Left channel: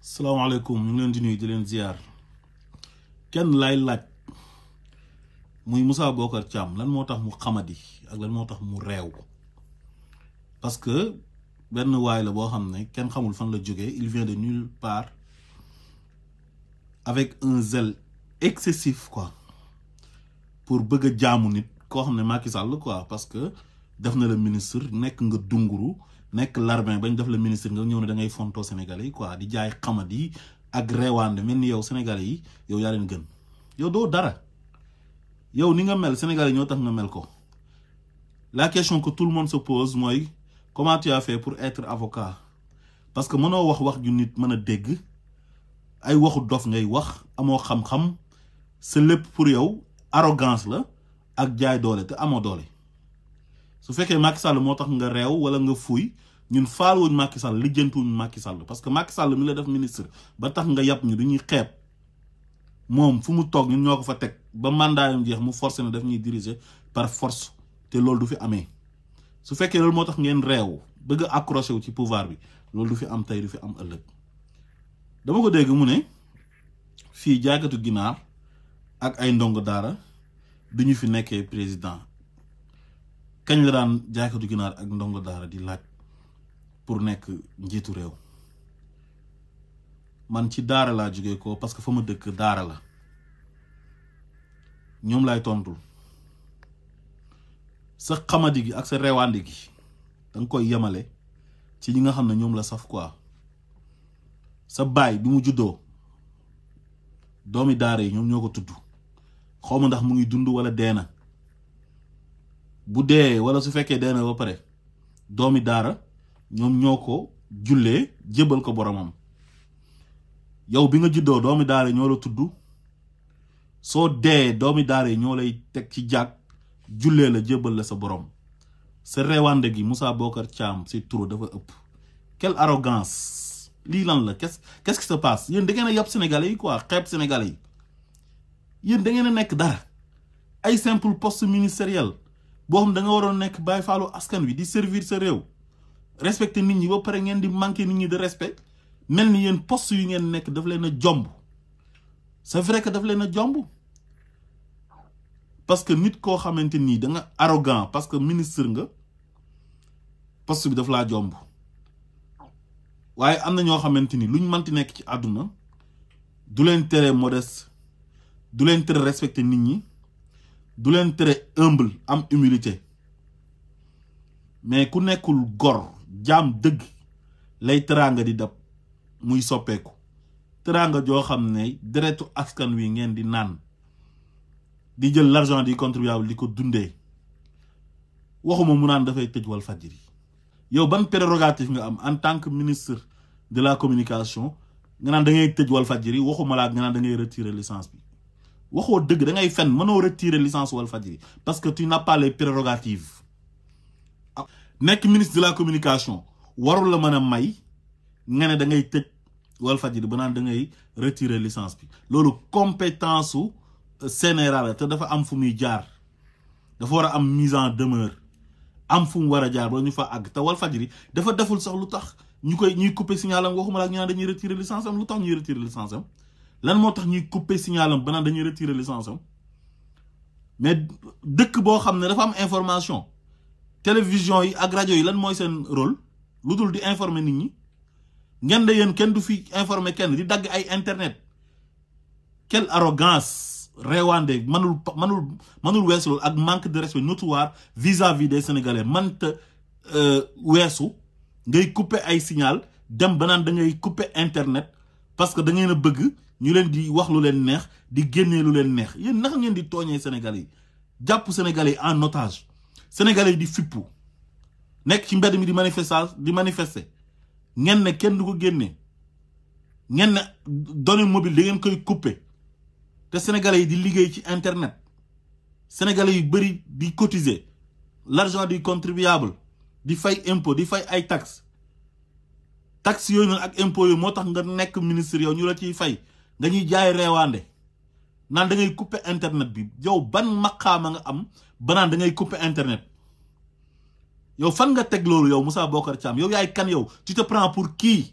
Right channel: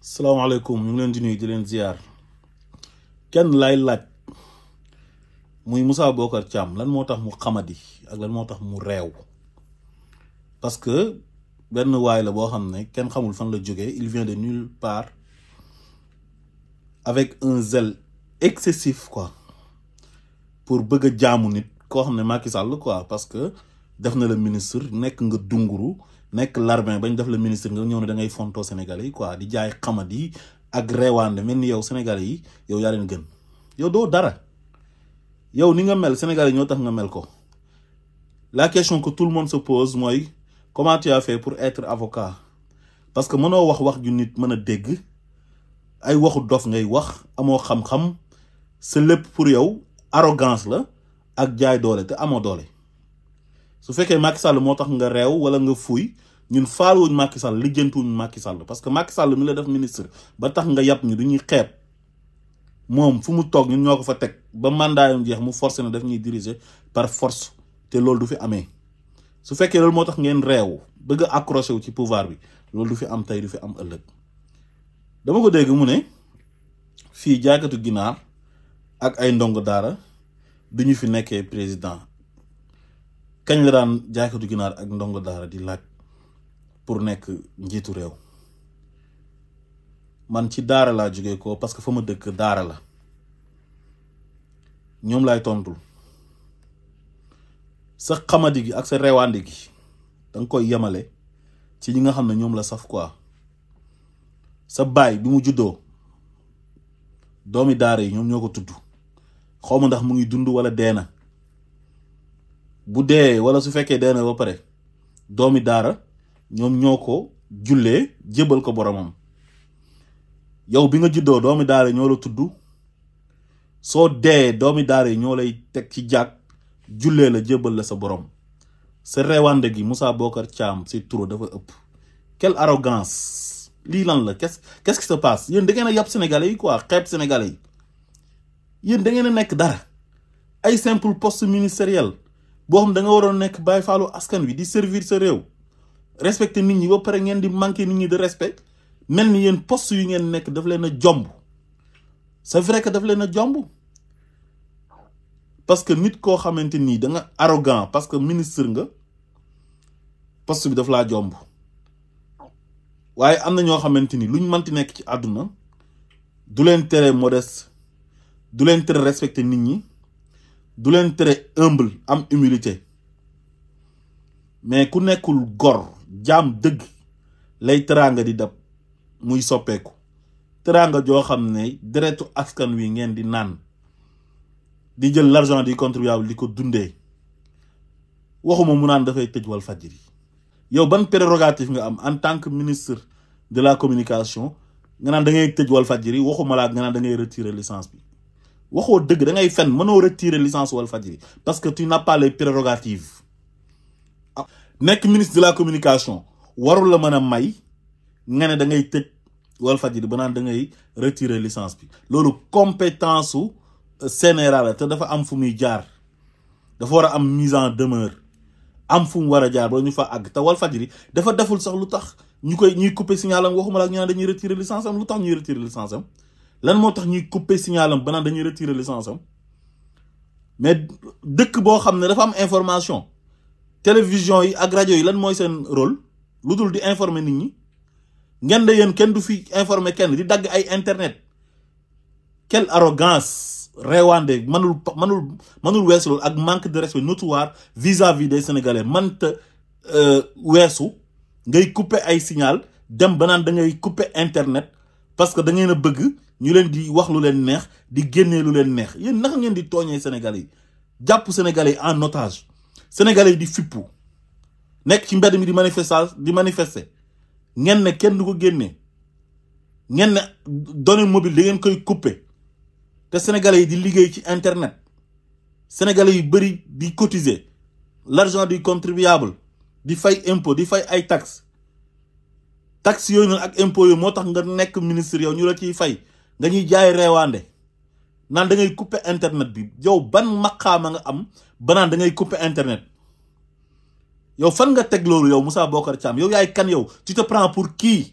salaamaaleykum ñu ngi leen di nuyu di leen ziar kenn lay laaj muy Moussa B Thiam lan moo tax mu xamadi ak lan moo tax mu réew parce que benn waay la boo xam ne kenn xamul fan la jógee il vient de nulle part avec un zèle excessif quoi pour bëgg a jaamu nit koo xam ne Macky Sall quoi parce que def na le ministre nekk nga dunguru nekk larbin bañ def le ministre nga ñëw ne da ngay fonto Sénégalais yi quoi di jaay xamadi ak Réewandé mel ni yow Sénégalais yi yow yaa leen gën yow doo dara yow ni nga mel Sénégalais ñoo tax nga mel ko. La question que tout le monde se pose mooy comment tu as fait pour être avocat parce que mënoo wax ju nit mën a dégg ay waxu dof ngay wax amoo xam-xam c'est lépp pour yow arrogance la ak jaay doole te amoo doole. su fekkee Macky Sall moo tax nga réew wala nga fuuy ñun faaluwuñ Macky Sall lijjantuwuñ Macky Sall parce que Macky Sall mi la def ministre ba tax nga yàpp ñu du ñuy xeeb moom fu mu toog ñun ñoo ko fa teg ba mandat yam jeex mu forcé na daf ñuy diriger par force te loolu du fi amee. su fekkee loolu moo tax ngeen réew bëgg a accroché wu ci pouvoir bi loolu du fi am tey du fi am ëllëg. dama ko dégg mu ne fii jaaykatu ginaar ak ay ndongo daara du ñu fi nekkee président. kañ la daan jaaykatu ginaar ak ndongo daara di laaj pour nekk njiitu réew man ci daara laa jógee ko parce que fa ma dëkk daara la ñoom laay tontul sa xamadi gi ak sa reewande gi da nga koy yemale ci ñi nga xam ne ñoom la saf quoi sa baay bi mu juddoo doomi daara yi ñoom ñoo ko tudd xaw ma ndax mu ngi dund wala dee na bu dee wala su fekkee dee na ba pare doomi daara ñoom ñoo ko jullee jébal ko boromam yow bi nga juddoo doomi daara ñoo la tudd soo dee doomi daara yi ñoo lay teg ci jàkk jullee la jébal la sa borom sa reewande gi Moussa B Thiam c'est trop dafa ëpp. Quelle arrogance lii lan la qu'est-ce qui se passe yéen da ngeen a yàpp sénégalais yi quoi xeeb sénégalais yi yéen da ngeen a nekk dara ay simple poste ministériel. boo xam da nga waroon nekk bàyyi faalu askan wi di servir sa réew respecter nit ñi ba pare ngeen di manquer nit ñi de respect mel ni yéen poste yu ngeen nekk daf leen a jomb c'est vrai que daf leen a jomb parce que nit koo xamante nii da nga arrogant parce que ministre nga poste bi daf laa jomb waaye am na ñoo xamante ni luñ manti nekk ci àdduna du leen tere modeste du leen tere respecter nit ñi du leen tere humble am humilité mais ku nekkul gor jaam dëgg lay teraanga di dab muy soppeeku teraanga joo xam ne deretu askan wi ngeen di naan di jël l'argent du contribuable di ko dundee waxuma mu naan dafay tëj Walfadjri yow ban prérogative nga am en tant que ministre de la communication nga naan da ngay tëj Walfadjri waxuma laa nga naan da ngay retirer licence bi waxoo dëgg da ngay fen mënoo retirer licence Walfadjri parce que tu n'as pas les prérogatives nekk ministre de la communication warul la mën a may nga ne da ngay tëj Walfadjri ba naan da ngay retirer licence bi loolu compétence su CNRA la te dafa am fu muy jaar dafa war a am mise en demeure am fu mu war a jaar ba ñu fa àgg te Walfadjri dafa deful sax lu tax ñuy couper signalam waxuma la ñu naan dañuy retirer licence am lu tax ñuy retirer licence am lan moo tax ñuy couper signalam ba naan dañuy retirer licence am mais dëkk boo xam ne dafa am information télévision yi ak rajo yi lan mooy seen rôle lu dul di informer nit ñi ngeen de yéen kenn du fi informer kenn di dagg ay internet. Quelle arrogance Réewandé manul weesu loolu ak manque de respect notoire vis-à-vis des Sénégalais manta weesu ngay couper ay signal dem ba naan da ngay couper internet parce que da ngeen a bëgg ñu leen di wax lu leen neex di génnee lu leen neex yéen naka ngeen di tooñee Sénégalais yi jàpp Sénégalais yi en otage Sénégalais yi di fippu nekk ci mbedd mi di manifester ngeen ne kenn du ko génnee ngeen ne données mobile da ngeen koy couper te Sénégalais yi di liggéey ci internet Sénégalais yu bëri di cotiser l'argent du contribuable di fay impôt di fay ay taxes yooyu noonu ak impôt yooyu moo tax nga nekk ministre yow ñu la ciy fay nga ñuy jaay Réewandé naan da ngay couper internet bi yow ban maqaama nga am ba naan da ngay couper internet yow fan nga teg loolu yow Moussa B Thiam yow yaay kan yow tu te prends pour qui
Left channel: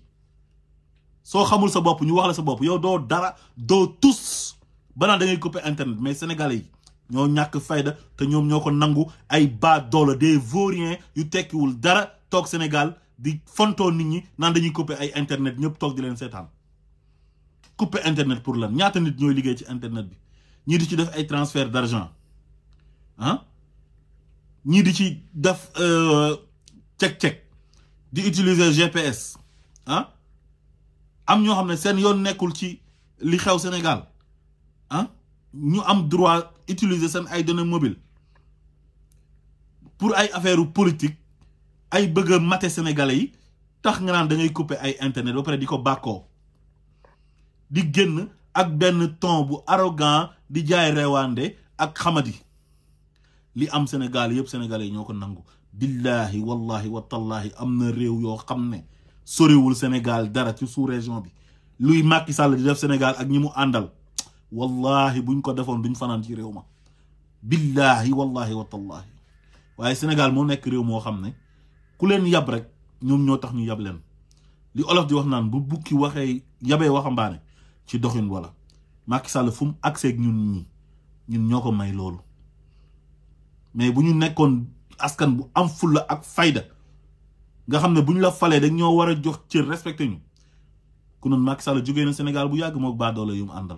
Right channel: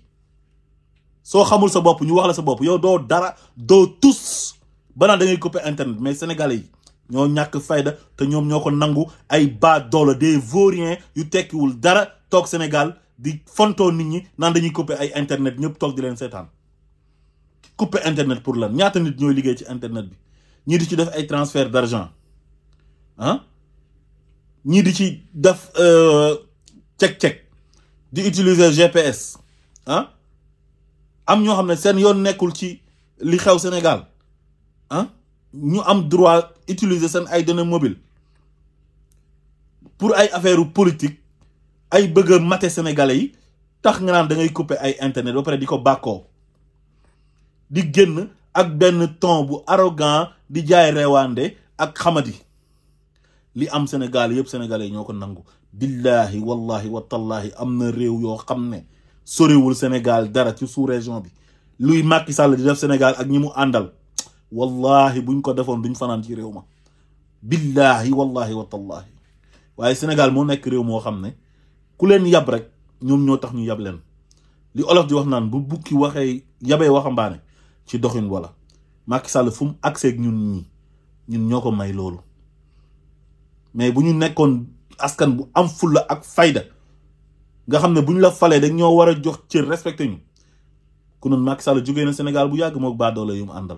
soo xamul sa bopp ñu wax la sa bopp yow doo dara doo tous banaa da ngay couper internet mais sénégalais yi ñoo ñàkk fayda te ñoom ñoo ko nangu ay bas doole des vauriens yu tekkiwul dara toog Sénégal di fontoo nit ñi naan dañuy couper ay internet ñëpp toog di leen seetaan couper internet pour lan ñaata nit ñooy liggéey ci internet bi ñii di ci def ay transfert d'argent ah ñii di ci def check di utiliser GPS ah am ñoo xam ne seen yoon nekkul ci li xew Sénégal ah ñu am droit utiliser seen ay données mobiles pour ay affaire politique ay bëgg a mate sénégalais yi tax nga naan da ngay couper ay internet ba pare di ko bàkkoo di génn ak benn ton bu arrogant di jaay Réewandé ak xamadi li am Sénégal yëpp sénégalais ñoo ko nangu billahi wallahi watallahi am na réew yoo xam ne soriwul Sénégal dara ci sous-région bi luy Macky Sall di def Sénégal ak ñi mu àndal wallahi buñ ko defoon duñ fanaan ci réew ma billahi wallahi watallahi waaye Sénégal moo nekk réew moo xam ne ku leen yab rek ñoom ñoo tax ñu yab leen li olof di wax naan bu bukki waxee yabee waxambaane ci doxin wala Macky Sall fu mu accès ak ñun ñoo ko may loolu mais bu ñu nekkoon askan bu am fulla ak fayda nga xam ne bu ñu la falee dañ ñoo war a jox cër respecté ñu ku noonu Macky Sall jógee na Sénégal bu yàgg mook baadoole yu mu àndal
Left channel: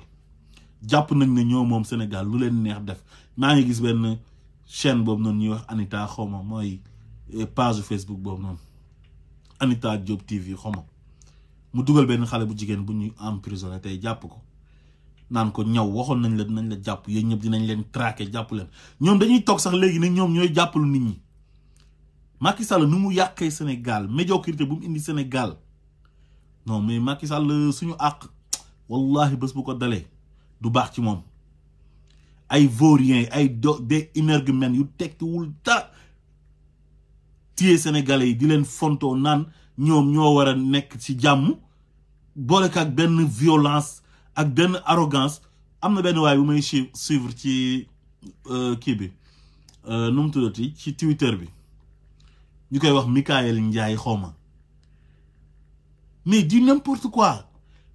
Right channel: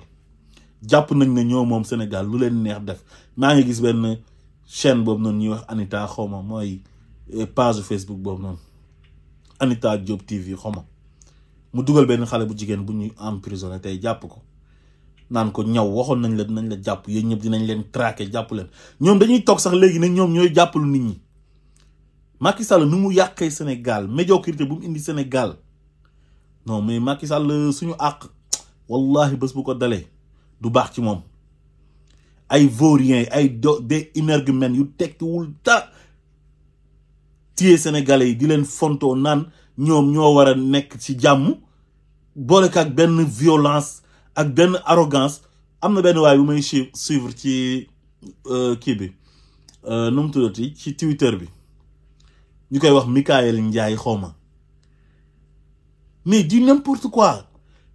jàpp nañ ne ñoo moom Sénégal lu leen neex def maa ngi gis benn chaîne boobu noonu ñuy wax Anita xawma mooy page Facebook boobu noonu Anita Diop TV xawma mu dugal benn xale bu jigéen bu ñuy emprisonné tey jàpp ko naan ko ñaw waxoon nañ la dinañ la jàpp yéen ñëpp dinañ leen traqué jàpp leen ñoom dañuy toog sax léegi ne ñoom ñooy jàppalu nit ñi Macky Sall nu mu yàqee Sénégal médiocrité bu mu indi Sénégal non mais Macky Sall suñu àq wallahi bés bu ko dalee du baax ci moom ay vauriens ay des énergumènes yu tekkiwul ta téye sénégalais yi di leen fontoo naan ñoom ñoo war a nekk ci jàmm boole ak benn violence ak benn arrogance am na benn waay bu may suivre ci kii bi nu mu tuddati ci Twitter bi ñu koy wax Mikaël Ndiaye xawma mais di n'importe quoi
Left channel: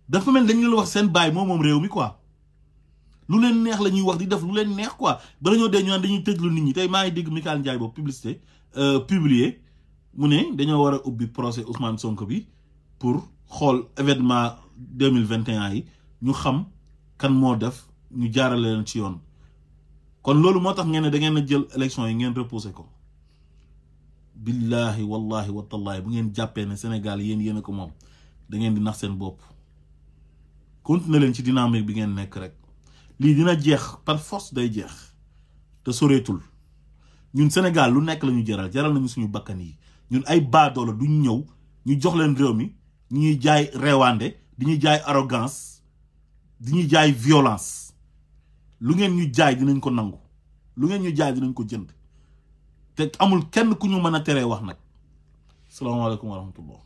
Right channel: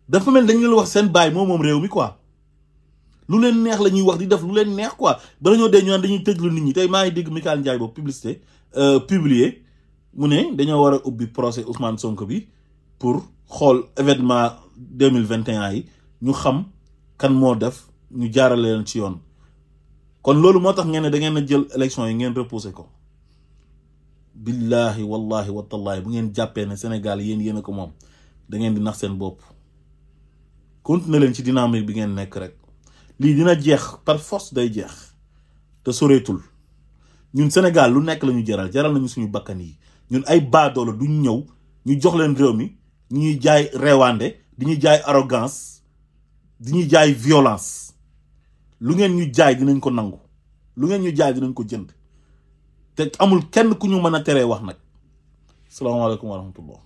dafa mel dañ leen wax seen baay moom réew mi quoi lu leen neex la ñuy wax di def lu leen neex quoi bala ñoo dee ñu naan dañuy tëjlu nit ñi tey maa ngi dégg Mikaël Ndiaye boobu publicité publié mu ne dañoo war a ubbi procès Ousmane Sonko bi pour xool événement 2021 yi ñu xam kan moo def ñu jaarale leen ci yoon kon loolu moo tax ngeen ne da ngeen a jël élection yi ngeen repousser ko billahi wallahi watallahi bu ngeen jàppee ne Sénégal yéen a ko moom da ngeen di nax seen bopp continuer leen ci dynamique bi ngeen nekk rek lii dina jeex par force day jeex te soreetul ñun Sénégal lu nekk la ñu jaral nañu suñu bakkan yi ñun ay baadoola duñ ñëw ñu jox leen réew mi ñuy jaay Réewandé di ñuy jaay arrogance di ñuy jaay violence lu ngeen ñu jaay dinañ ko nangu lu ngeen ñu jaay dinañ ko jënd te amul kenn ku ñu mën a teree wax nag salaamaaleykum wa rahmatullah